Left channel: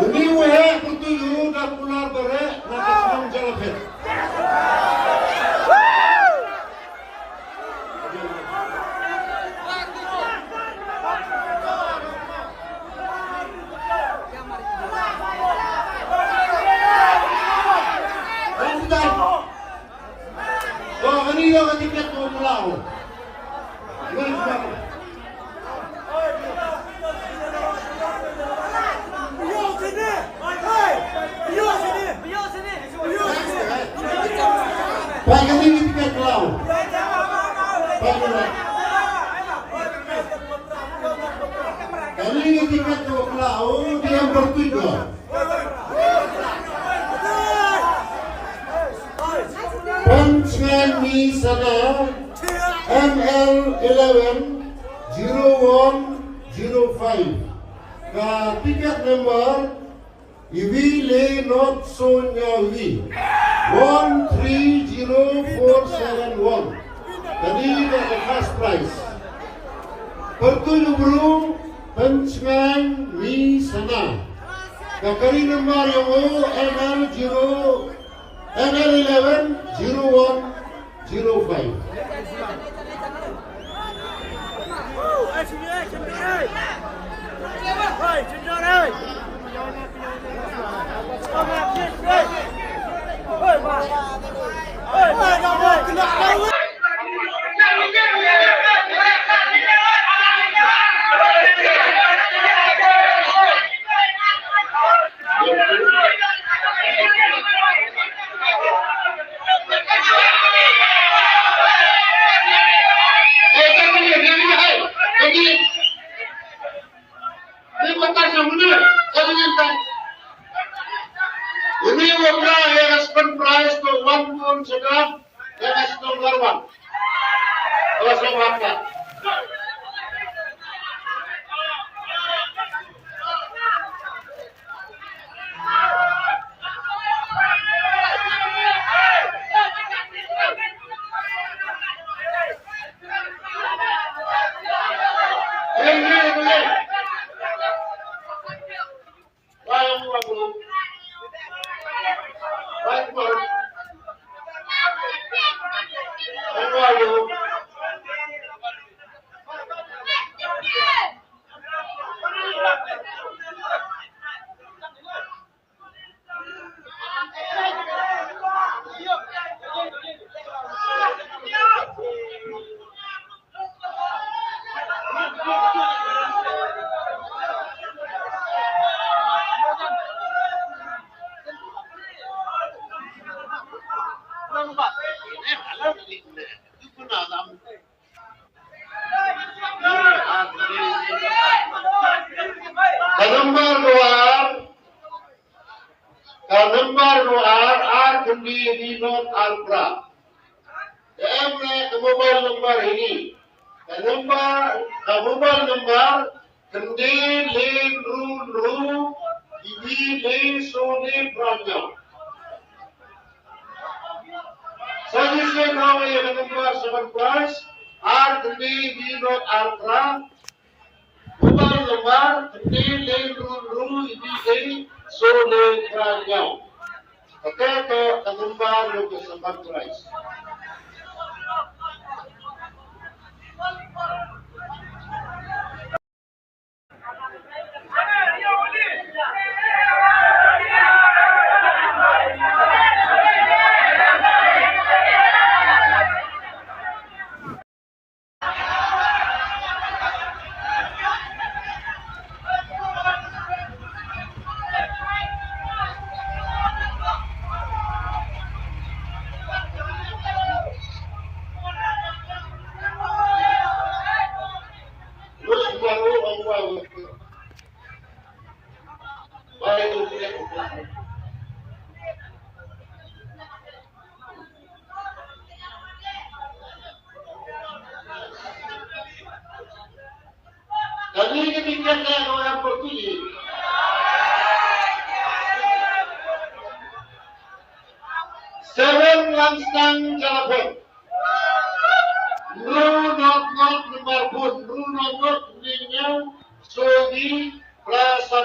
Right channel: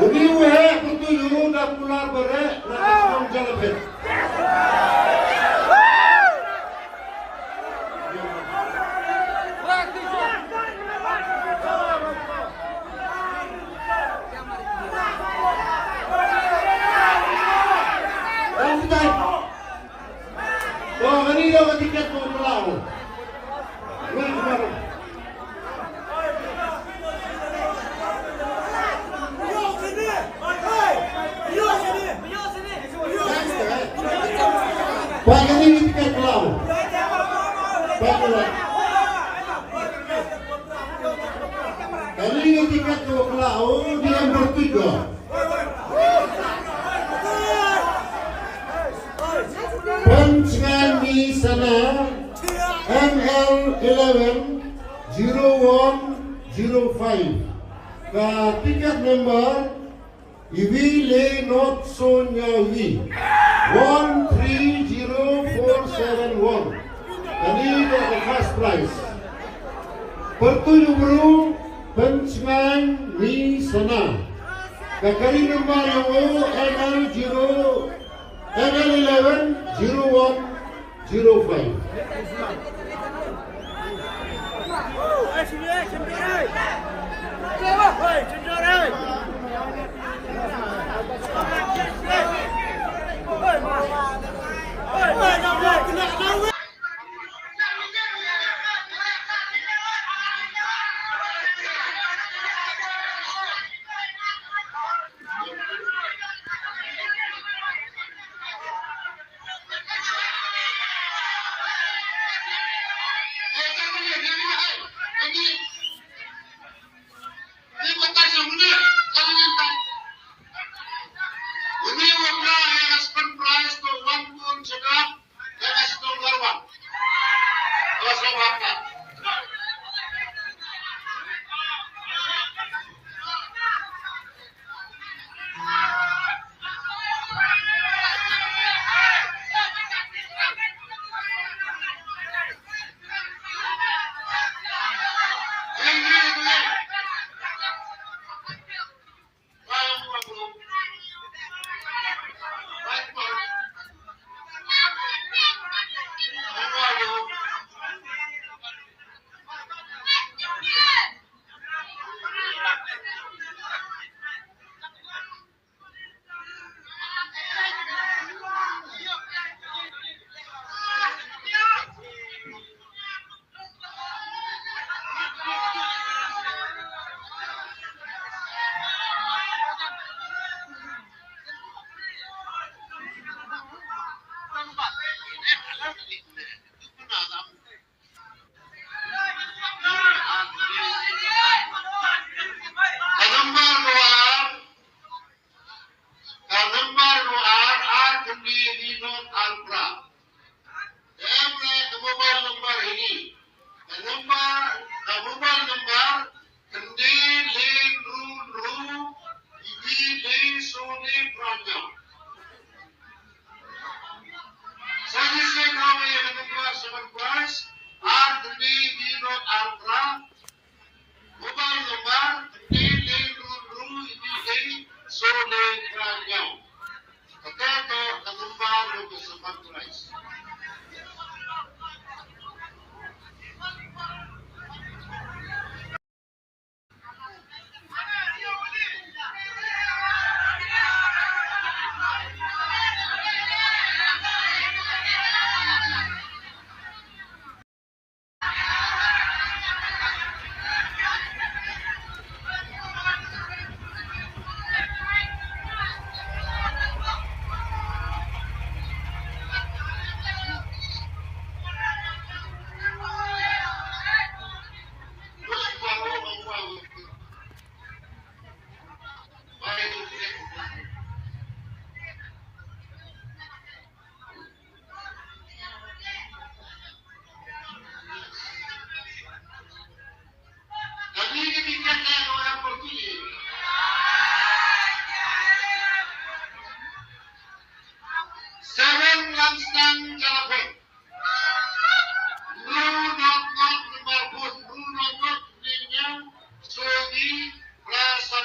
Ini wahai pertujuh dan pular berak nak jalan. Oh, ini yang tiket mau pulau. Pakai ini tiket pulau. Kali ini tiket pulau dia bertujuh. Punchman di sana ML11 0105. Tiket number Iwi Le Not Sonyawi 130471. Jadi the first prize. Pertujuh burung Punchman di sana. Kali number yang ML11 0105. Ini warna yang second prize to one pun sedang yang nomor one. Kosong apa? Gambar luar R kendi not Alpra. Mobile number ini. Mobile number kendi len ru ibi le sone pranya. Suggestion now yang number 7 plus R kendi not Alpra. Mobile number kendi len ru ibi le sone pranya. Ito number yung sa price. Tingkatnya orang Portugis. Seven langsang telepon. Bruno not marbut. Bruno not ninyo. Sogi. Rasa